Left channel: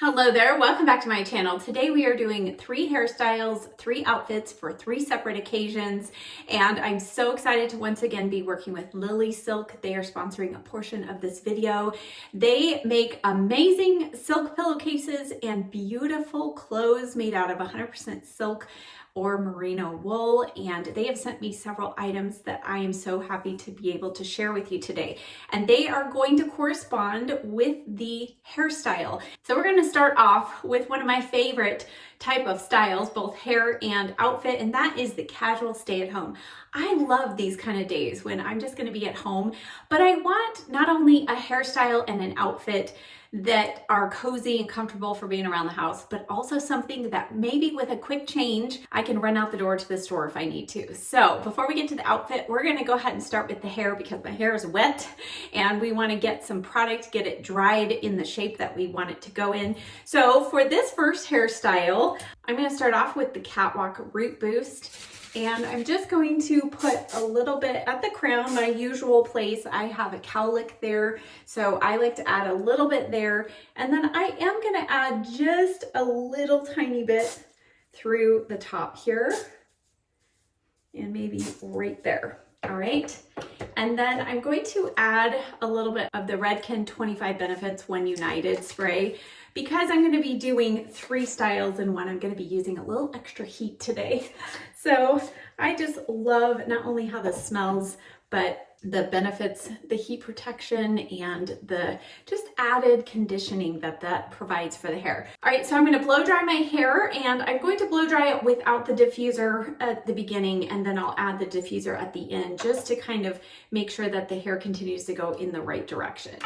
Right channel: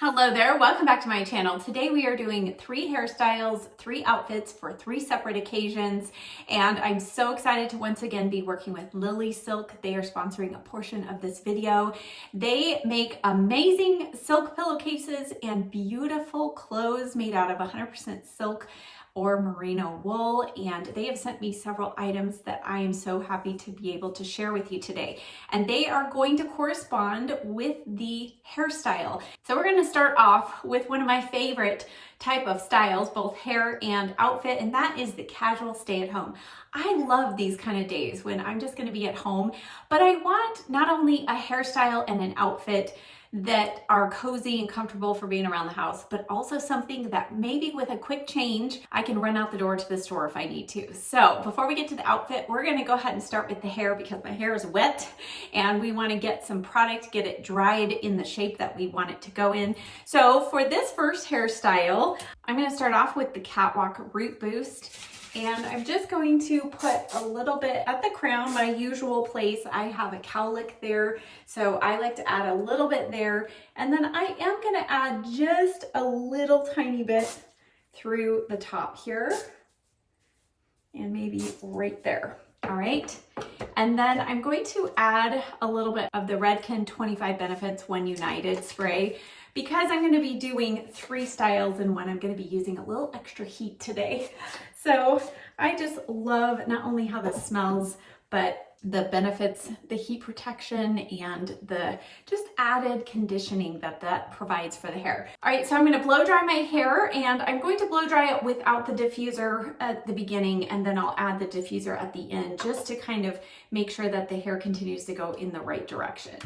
Hello there, welcome back to my channel. Today we are doing 3 hairstyles, 3 outfits for 3 separate occasions, and I'm so excited to once again be working with LilySilk. They are sponsoring a portion of this video. They make amazing silk pillowcases and beautiful clothes made out of 100% silk or merino wool, and they have sent me several items that I am so happy to be able to share with you today. And they are going to correspond with the hairstyle. So we're going to start off with one of my favorite type of styles, both hair and outfit, and that is the casual stay at home. I love these kind of days when I'm just going to be at home, but I want not only a hairstyle and an outfit that are cozy and comfortable for being around the house, but also something that maybe with a quick change, I can run out the door to the store if I need to. So before we get to the outfit, we're gonna go ahead and start with the hair because my hair is wet and we wanna get some product, get it dried in the shape that we want it to go in. So for this first hairstyle, I'm gonna start off with the Catwalk Root Boost. And I'm just going to put a little bit at the crown, my usual place. I have a cowlick there, so I like to add a little bit there. And then I am gonna add just a little tiny bit through the top here and maybe right there. All right. And then I'm going to add a little bit of the Redken 25 Benefits When United spray. Because I'm going to be doing 3 styles in one, I'm going to be using a little extra heat today. So I just love not only how this smells, but the benefits, the heat protection, and the just added conditioning that provides for the hair. All right, so I'm going to blow dry my hair, and I'm going to blow dry it without the diffuser at the beginning, and then I'll add the diffuser at the end just to kind of make sure that the hair continues to go in the right direction.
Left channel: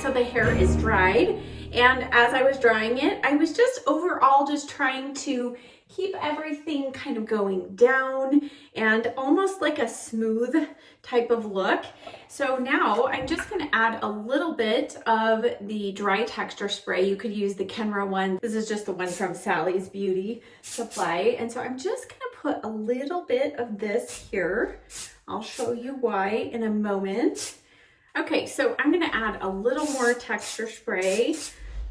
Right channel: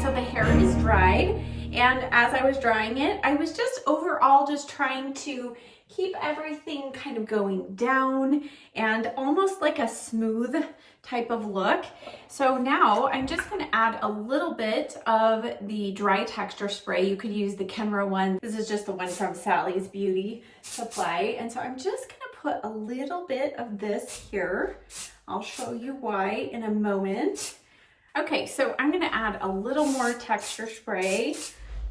So the hair is dried, and as I was drying it, I was just overall just trying to keep everything kind of going down and almost like a smooth type of look. So now I'm just going to add a little bit of the dry texture spray. You could use the Kenra one. This is just the one from Sally's Beauty Supply. And so I'm just going to put a little bit of this here. I'll show you why in a moment. Okay, so I'm going to add a little more texture spray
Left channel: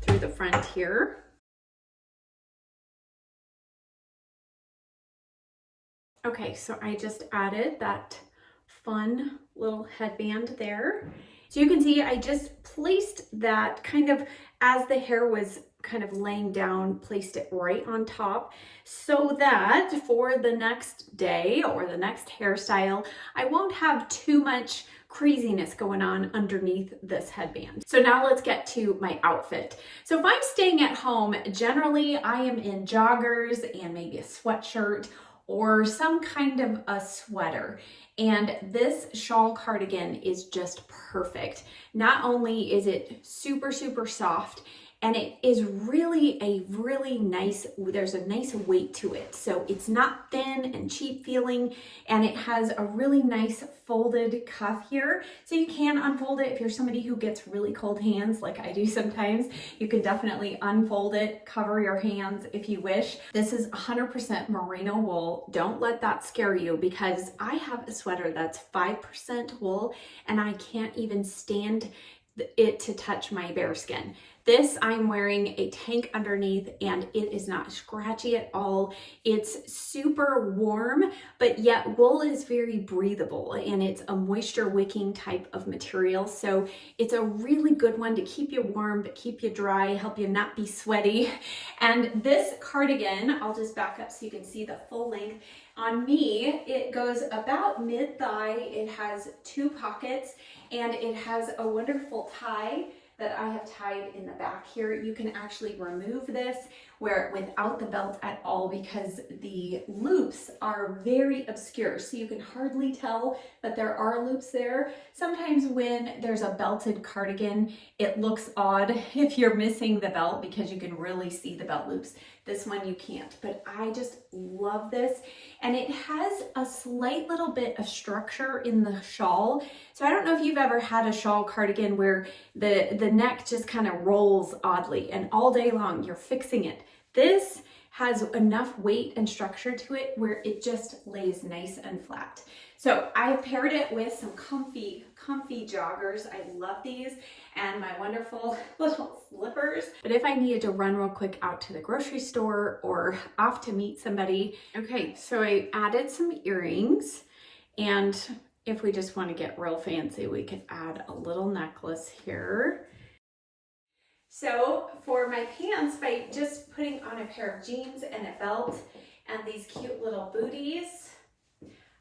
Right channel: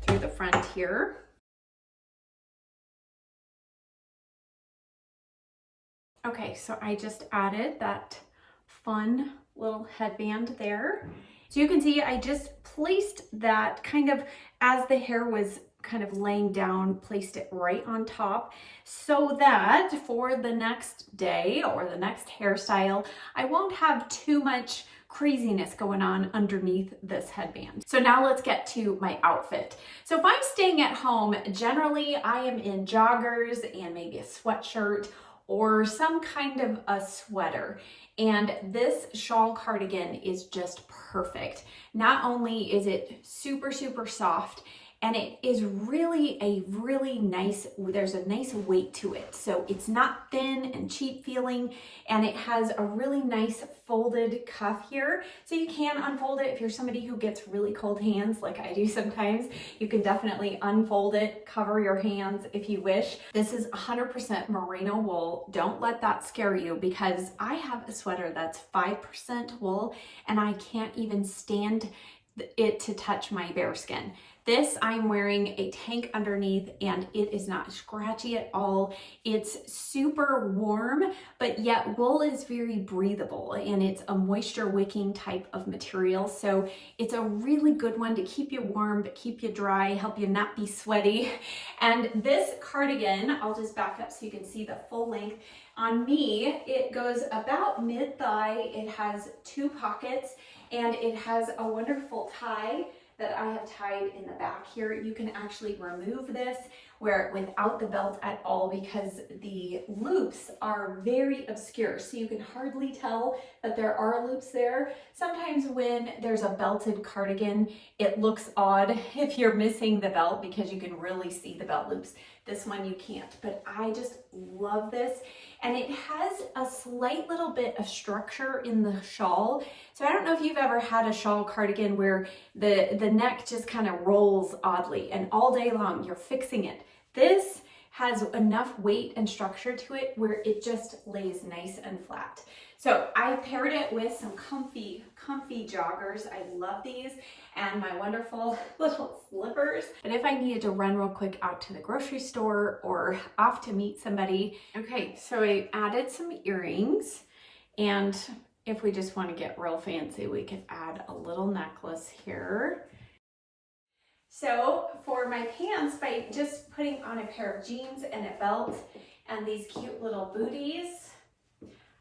through the front here. Okay, so I just added that fun little headband there. So you can see I just placed that kind of as the hair was kind of laying down, placed it right on top so that for the next day or the next hairstyle, I won't have too much craziness going on underneath this headband. So now let's get to my outfit. So if I'm staying at home, generally I am in joggers and maybe a sweatshirt or some kind of a sweater. And this shawl cardigan is just perfect. Not only is it super, super soft and it is really a really nice, there's a nice weight to it. So it's not thin and cheap feeling, and it has a really nice folded cuff here. So you can unfold it if you're somebody who gets really cold hands like I do sometimes. You can definitely unfold it, cover your hands if you wish. This is 100% merino wool. Don't let that scare you, because I have a sweater that's 5% wool and I can't even stand it to touch my bare skin. This, I'm wearing a tank underneath and it is not scratchy at all. It's super warm, but yet wool is very breathable and it's a moisture wicking type of material. So it's a really good one to keep you warm, but keep you dry, help you not be sweaty. And this cardigan, I'll just back up so you can see the full length. On me, it goes about mid-thigh. It has 2 pockets and it has a wonderful tie that I have tied in the back here. You can actually remove this without the belt at all, because the loops are very obscure, so you can hardly tell that there are loops there. Sometimes when there's a belted cardigan, it looks odd if you're missing the belt, because you can really see the belt loops. This one you can't, but I just love this. And it has a slight little bit of structure in the shawl. So I don't know if you've ever had a shawl cardigan where the neck just kind of rolls oddly and all day long you're fixing it. This has enough weight and structure to it where it just lays nice and flat. So I've paired it with some comfy joggers. I love these, and my wonderful little slippers. But if I needed to run real quick out to the grocery store or off to meet somebody. Okay, so I added some earrings, and if we just want to get real fancy, we could add a little necklace here. So for my pants, by just putting on a pair of jeans and a belt and these cute little booties,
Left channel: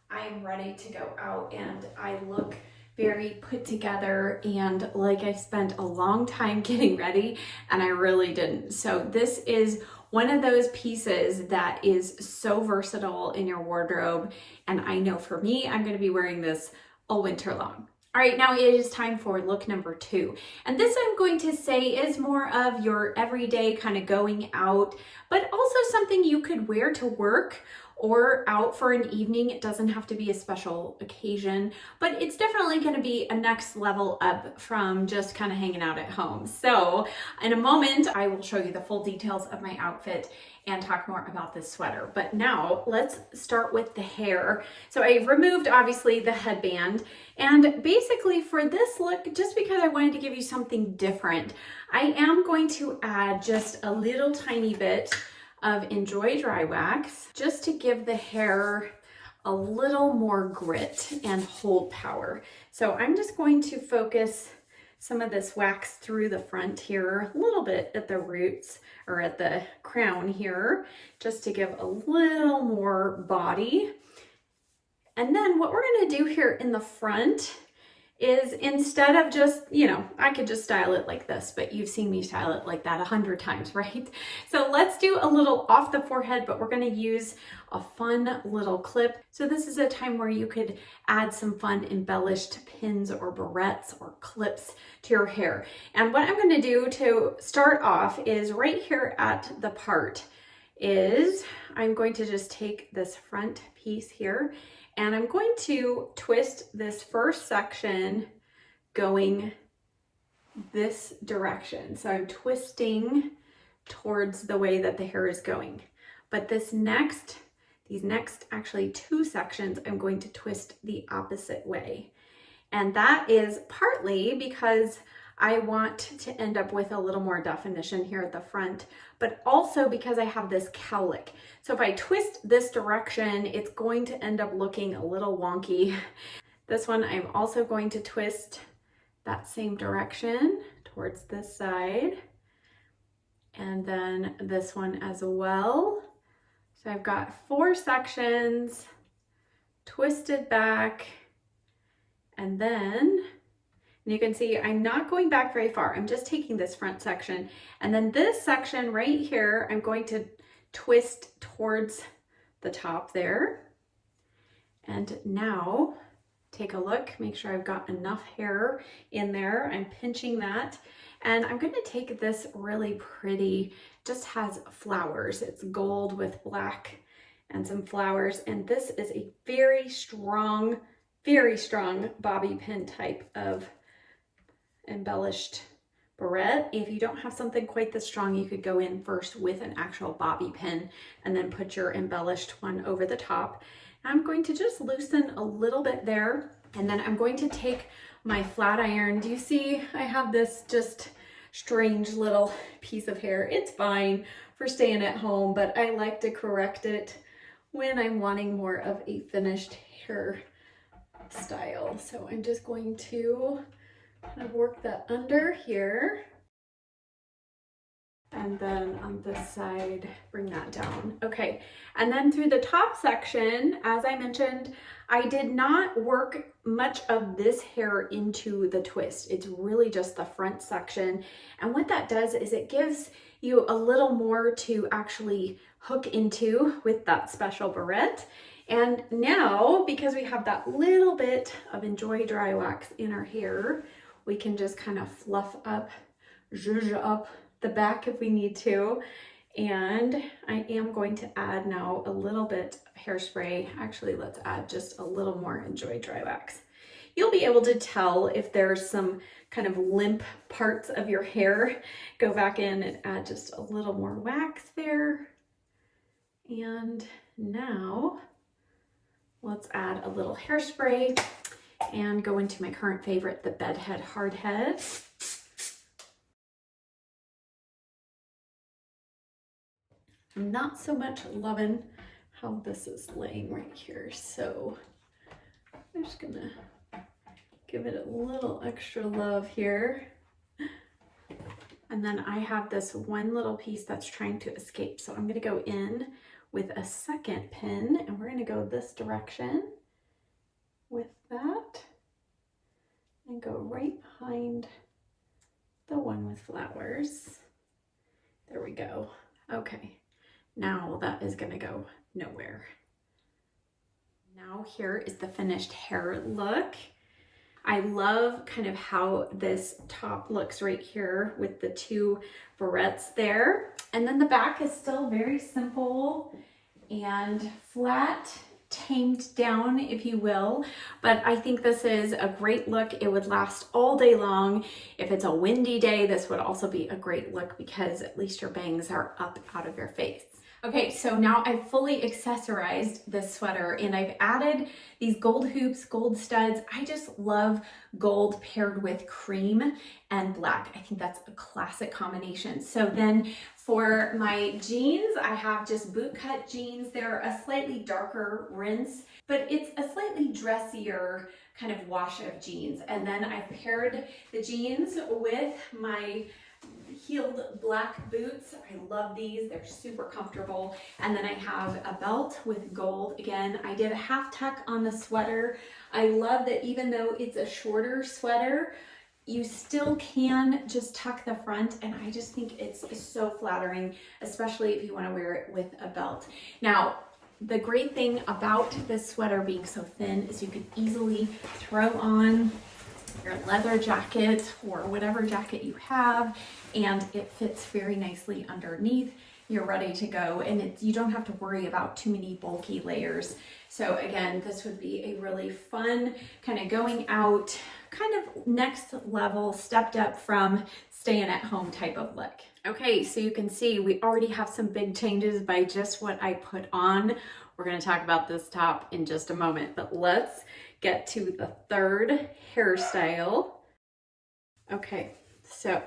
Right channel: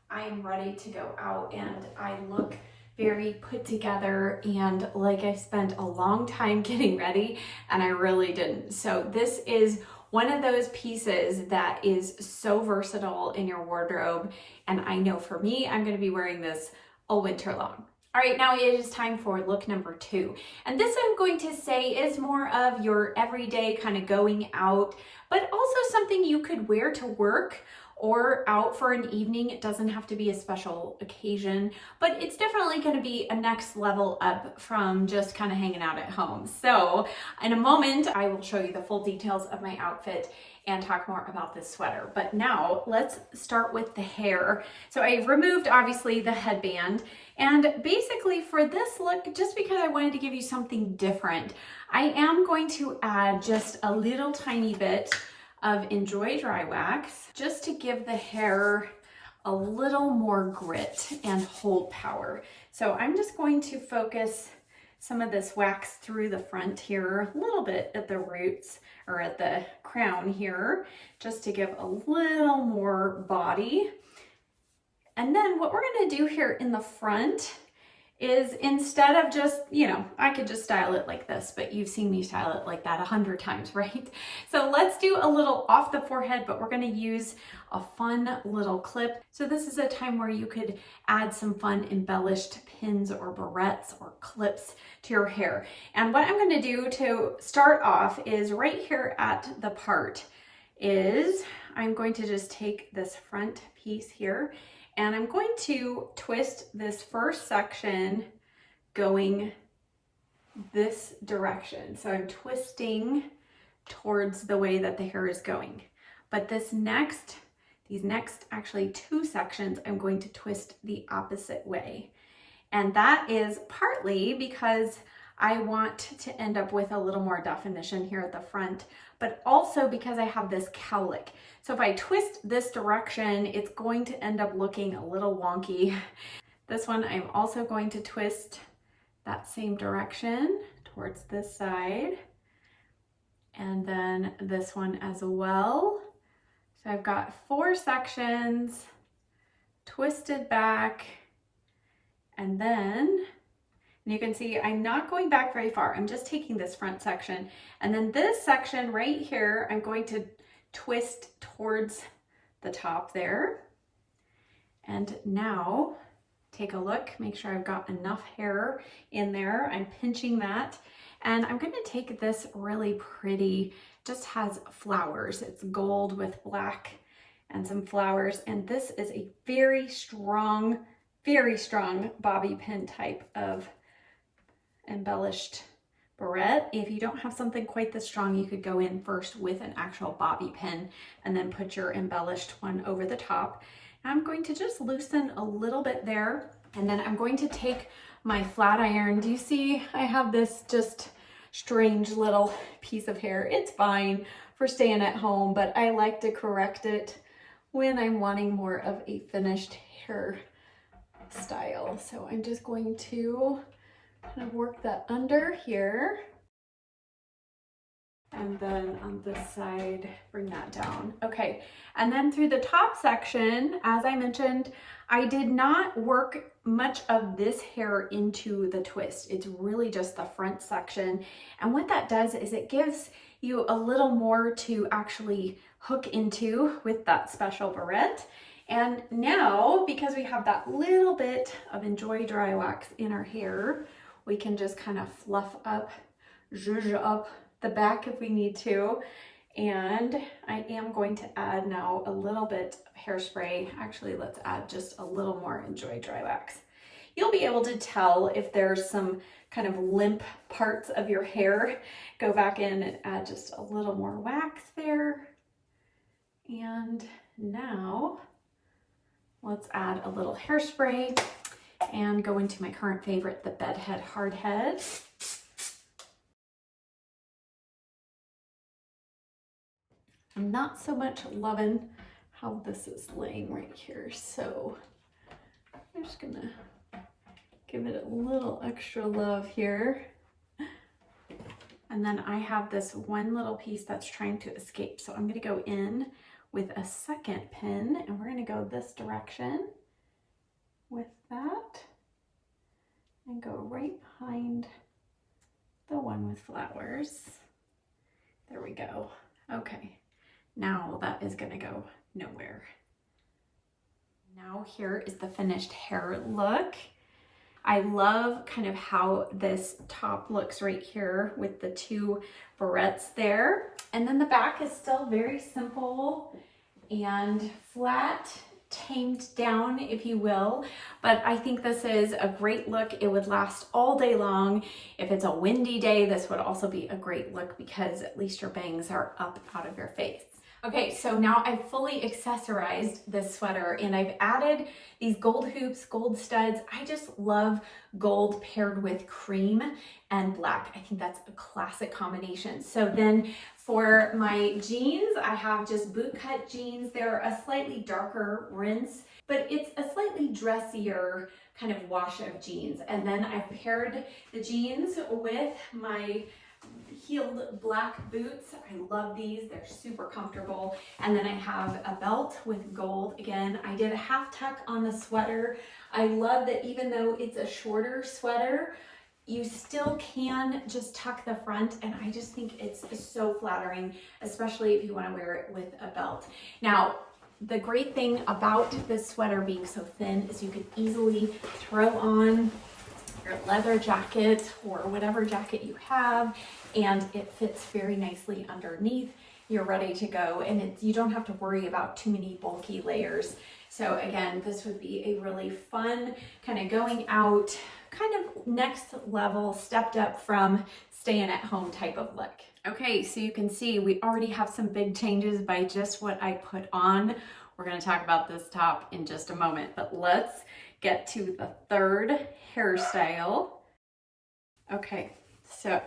I am ready to go out, and I look very put together and like I spent a long time getting ready, and I really didn't. So this is one of those pieces that is so versatile in your wardrobe, and I know for me, I'm going to be wearing this all winter long. All right, now it is time for look number 2. And this, I'm going to say, is more of your everyday kind of going out, but also something you could wear to work or out for an evening. It doesn't have to be a special occasion, but it's definitely going to be a next level up from just kind of hanging out at home. So in a moment, I will show you the full details of my outfit and talk more about this sweater. But now let's start with the hair. So I removed obviously the headband, and basically for this look, just because I wanted to give you something different, I am going to add just a little tiny bit of Enjoy Dry Wax just to give the hair a little more grit and hold power. So I'm just going to focus some of this wax through the front here, a little bit at the roots or at the crown here, just to give a little more body. And then what we're going to do here in the front is, instead of just, I could just style it like this, but you've seen me style it like that 100 times, right? So let's do a little off the forehead, but we're going to use a fun little clip. So this is a time where you could add some fun embellished pins or barrettes or clips to your hair. And what I'm going to do to start off is right here at the part is I'm going to just take this front piece here, and I'm going to twist this first section going this direction. So I'm twisting towards the way that the hair is going. But these next actually 2 sections, I'm going to twist the opposite way. And that is partly because I want to end up with a little more definition here at the front, but also because I have this cowlick. So if I twist this direction, it's going to end up looking a little wonky. This one, I'm also going to twist that same direction towards this side. And then this one as well. So I've got 4 sections twisted back, and then you can see I'm not going back very far. I'm just taking this front section, and then this section right here, I'm going to twist towards the top there. And now take a look, make sure I've got enough hair in there. I'm pinching that. And I'm gonna take this really pretty, just has flowers. It's gold with black and some flowers. And this is a very strong bobby pin type of embellished barrette. If you don't have something quite this strong, you could go in first with an actual bobby pin and then put your embellished one over the top. I'm going to just loosen a little bit there, and then I'm going to take my flat iron. Do you see I have this just strange little piece of hair? It's fine for staying at home, but I like to correct it when I'm wanting more of a finished hair style. So I'm just going to kind of work that under here, and then on this side bring that down. Okay, and then through the top section, as I mentioned, I did not work much of this hair into the twist. It's really just the front section, and what that does is it gives you a little more to actually hook into with that special barrette. And now, because we have that little bit of Enjoy Dry Wax in our hair, we can just kind of fluff up, zhuzh up the back if we need to. And I am going to add now a little bit of hairspray. Actually, let's add just a little more Enjoy Dry Wax. You'll be able to tell if there's some kind of limp parts of your hair. Go back in and add just a little more wax there. And now let's add a little hairspray and go into my current favorite, the Bedhead Hard Head. I'm not so much loving how this is laying right here, so I'm just gonna give it a little extra love here. And then I have this one little piece that's trying to escape, so I'm gonna go in with a second pin, and we're gonna go this direction with that and go right behind the one with flowers. There we go. Okay, now that is gonna go nowhere. Now here is the finished hair look. I love kind of how this top looks right here with the two barrettes there. And then the back is still very simple and flat, tamed down, if you will. But I think this is a great look. It would last all day long. If it's a windy day, this would also be a great look because at least your bangs are up out of your face. Okay, so now I've fully accessorized this sweater and I've added these gold hoops, gold studs. I just love gold paired with cream and black. I think that's a classic combination. So then for my jeans, I have just bootcut jeans. They're a slightly darker rinse, but it's a slightly dressier kind of wash of jeans. And then I've paired the jeans with my heeled black boots. I love these. They're super comfortable. And then I have a belt with gold. Again, I did a half tuck on the sweater. I love that even though it's a shorter sweater, you still can just tuck the front, and I just think it's so flattering, especially if you want to wear it with a belt. Now, the great thing about this sweater being so thin is you can easily throw on your leather jacket or whatever jacket you have, and it fits very nicely underneath. You're ready to go, and you don't have to worry about too many bulky layers. So again, this would be a really fun kind of going out, kind of next level, stepped up from staying at home type of look. Okay, so you can see we already have some big changes by just what I put on. We're going to talk about this top in just a moment, but let's get to the third hairstyle. Okay, so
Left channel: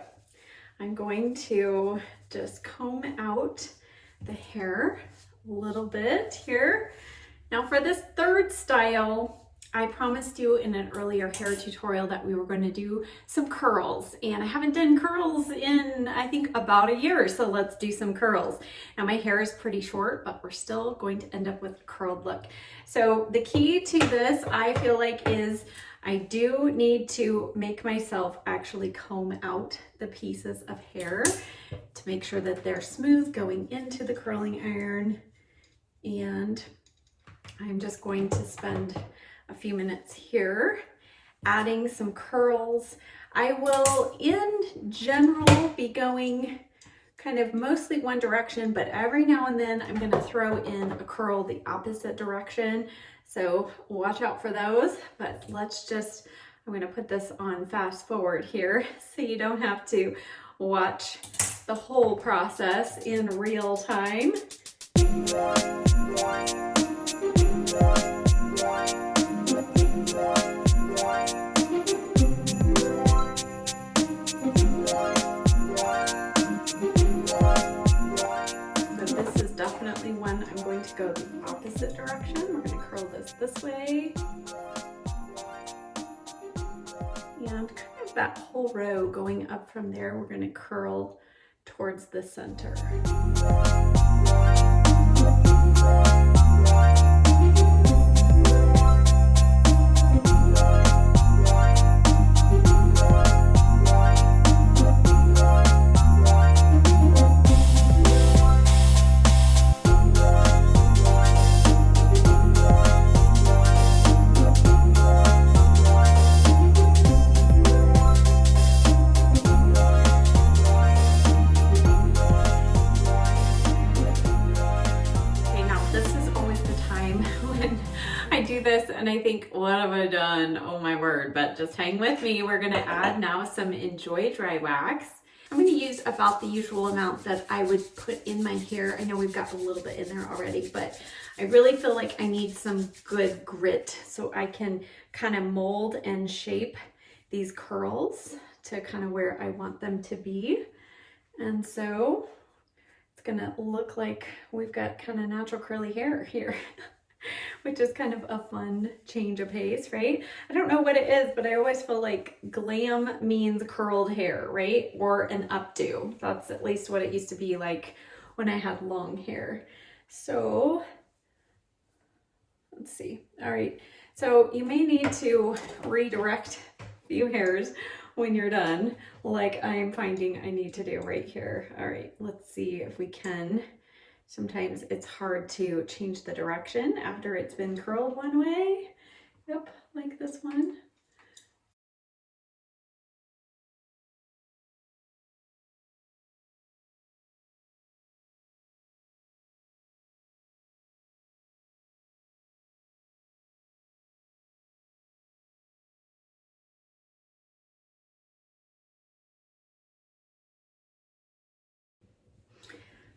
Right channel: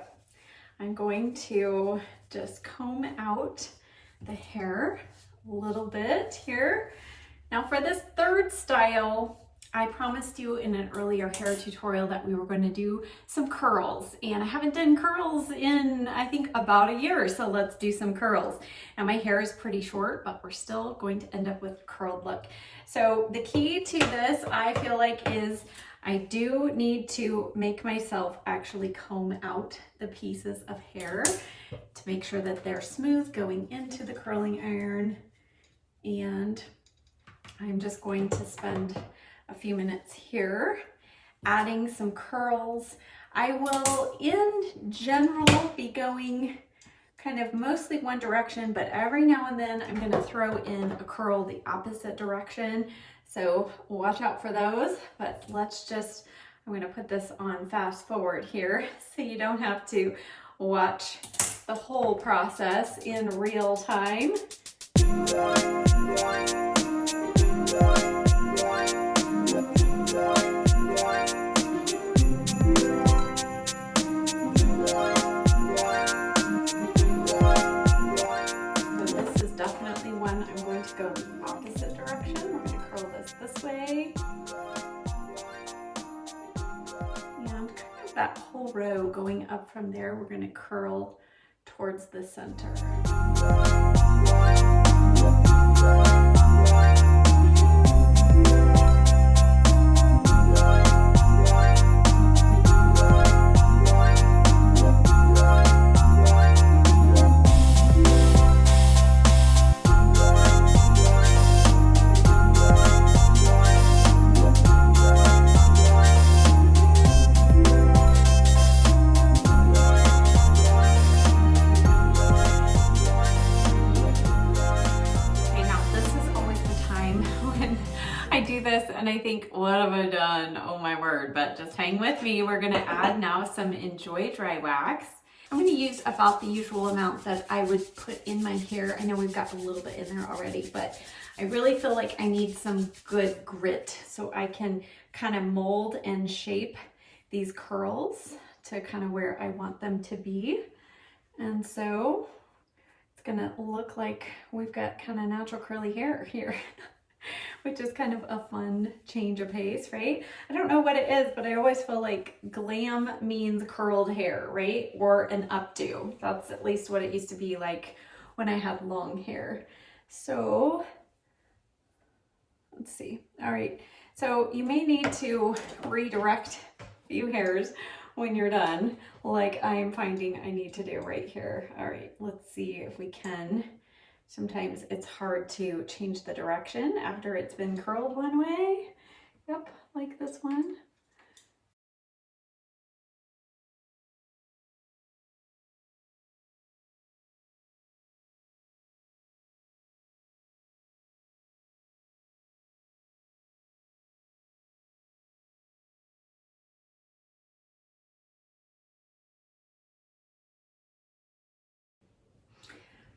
I'm going to just comb out the hair a little bit here. Now for this third style, I promised you in an earlier hair tutorial that we were going to do some curls, and I haven't done curls in I think about a year, so let's do some curls. Now my hair is pretty short, but we're still going to end up with a curled look. So the key to this, I feel like, is I do need to make myself actually comb out the pieces of hair to make sure that they're smooth going into the curling iron, and I'm just going to spend a few minutes here adding some curls. I will in general be going kind of mostly one direction, but every now and then I'm going to throw in a curl the opposite direction. So watch out for those, but I'm going to put this on fast forward here so you don't have to watch the whole process in real time. Go the opposite direction. We're going to curl this way. And kind of that whole row going up from there, we're going to curl towards the center. And I think, what have I done? Oh my word, but just hang with me. We're gonna add now some Enjoy dry wax. I'm gonna use about the usual amount that I would put in my hair. I know we've got a little bit in there already, but I really feel like I need some good grit so I can kind of mold and shape these curls to kind of where I want them to be. And so it's gonna look like we've got kind of natural curly hair here. Which is kind of a fun change of pace, right? I don't know what it is, but I always feel like glam means curled hair, right? Or an updo. That's at least what it used to be like when I had long hair. So let's see. All right. So you may need to redirect a few hairs when you're done, like I'm finding I need to do right here. All right, let's see if we can. Sometimes it's hard to change the direction after it's been curled one way. Yep, like this one.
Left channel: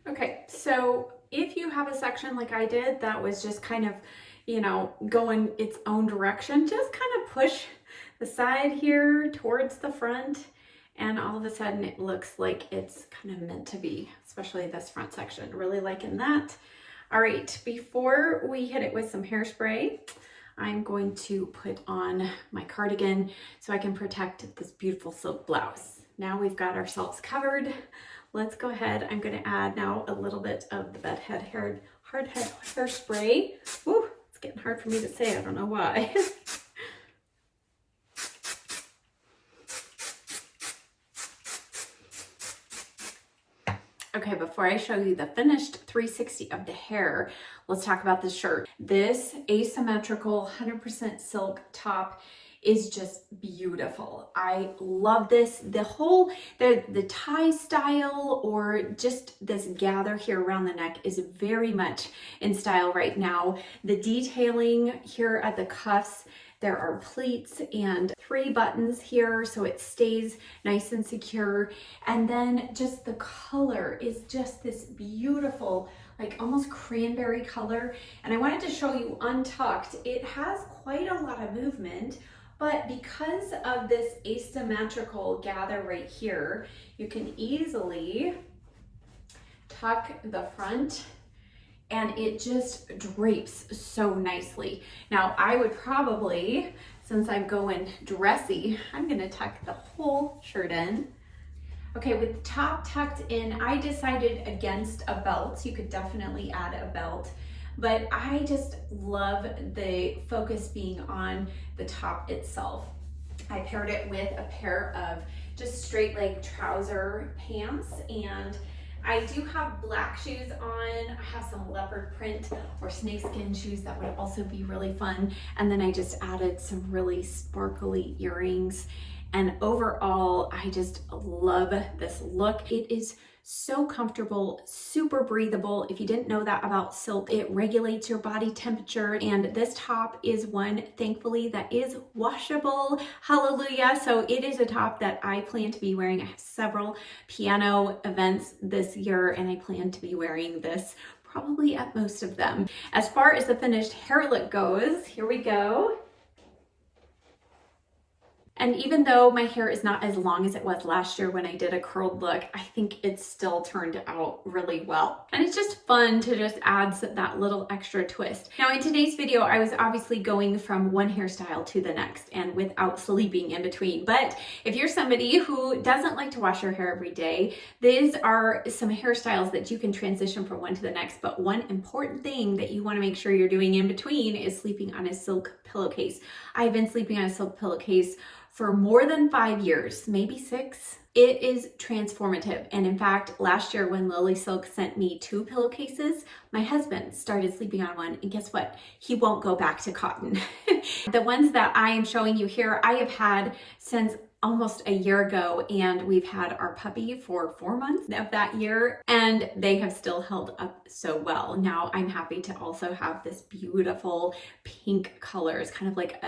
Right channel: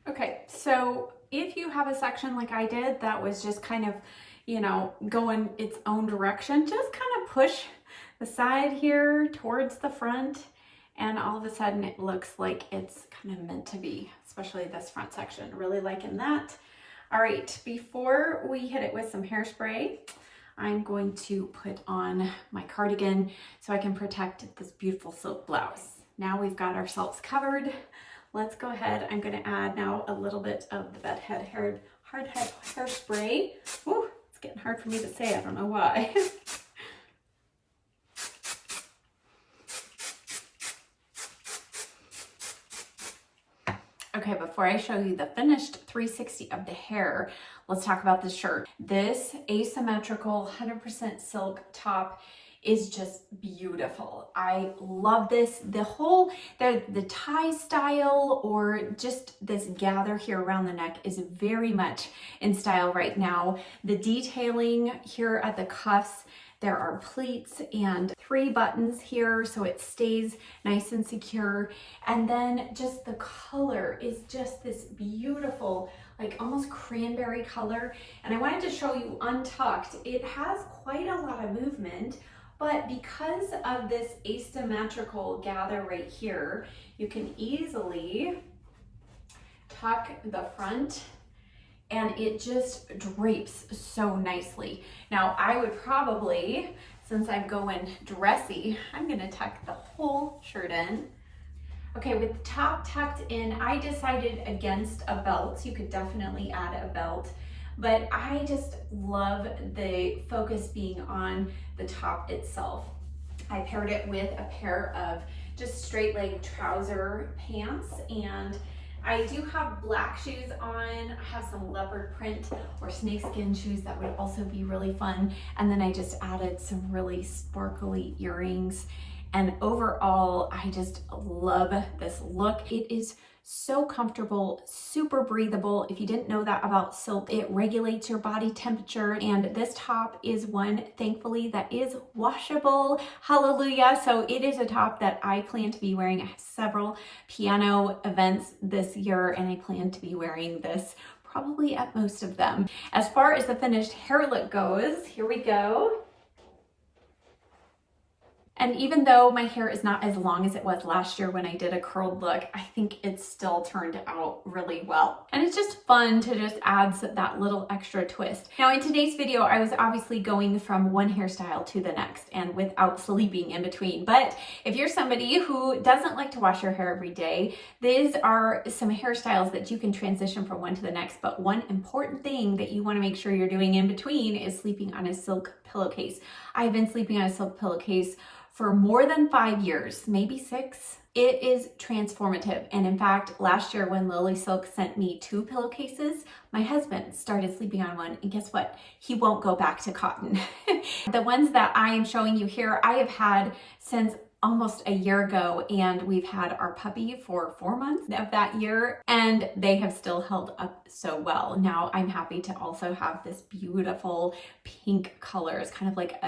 Okay, so if you have a section like I did that was just kind of, you know, going its own direction, just kind of push the side here towards the front and all of a sudden it looks like it's kind of meant to be, especially this front section. Really liking that. All right, before we hit it with some hairspray, I'm going to put on my cardigan so I can protect this beautiful silk blouse. Now we've got ourselves covered. Let's go ahead. I'm going to add now a little bit of the hard head hairspray. Woo, it's getting hard for me to say. I don't know why. Okay, before I show you the finished 360 of the hair, let's talk about this shirt. This asymmetrical 100% silk top is just beautiful. I love this. The whole, the tie style or just this gather here around the neck is very much in style right now. The detailing here at the cuffs, there are pleats and 3 buttons here so it stays nice and secure. And then just the color is just this beautiful, like almost cranberry color. And I wanted to show you untucked. It has quite a lot of movement, but because of this asymmetrical gather right here, you can easily tuck the front and it just drapes so nicely. Now I would probably, since I'm going dressy, I'm gonna tuck the whole shirt in. Okay, with the top tucked in, I decided against a belt. You could definitely add a belt, but I just love the focus being on the top itself. I paired it with a pair of just straight leg trouser pants, and I do have black shoes on. I have some leopard print or snakeskin shoes that would also be really fun. And then I just added some really sparkly earrings And overall, I just love this look. It is so comfortable, super breathable. If you didn't know that about silk, it regulates your body temperature. And this top is one, thankfully, that is washable. Hallelujah. So it is a top that I plan to be wearing. I have several piano events this year, and I plan to be wearing this probably at most of them. As far as the finished hair look goes, here we go. And even though my hair is not as long as it was last year when I did a curled look, I think it still turned out really well. And it's just fun to just add that little extra twist. Now in today's video, I was obviously going from one hairstyle to the next and without sleeping in between. But if you're somebody who doesn't like to wash your hair every day, these are some hairstyles that you can transition from one to the next. But one important thing that you want to make sure you're doing in between is sleeping on a silk pillowcase. I've been sleeping on a silk pillowcase for more than 5 years, maybe 6. It is transformative. And in fact, last year when LilySilk sent me 2 pillowcases, my husband started sleeping on one, and guess what? He won't go back to cotton. The ones that I am showing you here, I have had since almost a year ago, and we've had our puppy for 4 months of that year, and they have still held up so well. Now I'm happy to also have this beautiful pink color. It's kind of like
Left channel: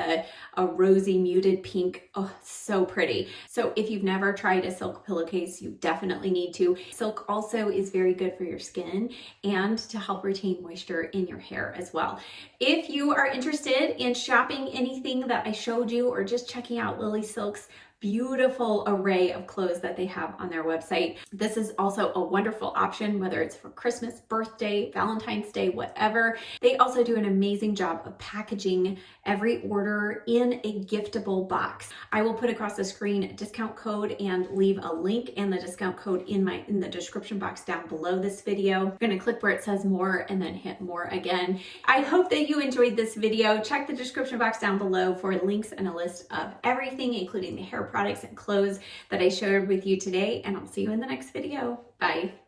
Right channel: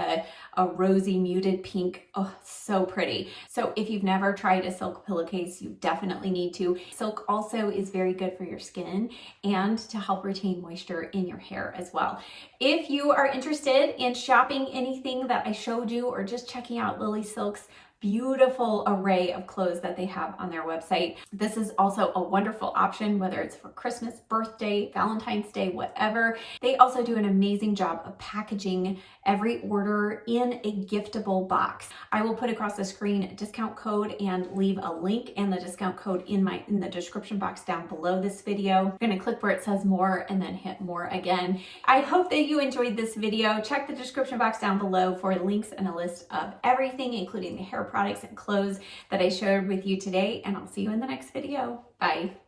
a rosy muted pink. Oh, so pretty. So if you've never tried a silk pillowcase, you definitely need to. Silk also is very good for your skin and to help retain moisture in your hair as well. If you are interested in shopping anything that I showed you or just checking out LilySilk's beautiful array of clothes that they have on their website, this is also a wonderful option, whether it's for Christmas, birthday, Valentine's Day, whatever. They also do an amazing job of packaging every order in a giftable box. I will put across the screen a discount code and leave a link and the discount code in the description box down below this video. I'm gonna click where it says more and then hit more again. I hope that you enjoyed this video. Check the description box down below for links and a list of everything, including the hair products and clothes that I shared with you today, and I'll see you in the next video. Bye.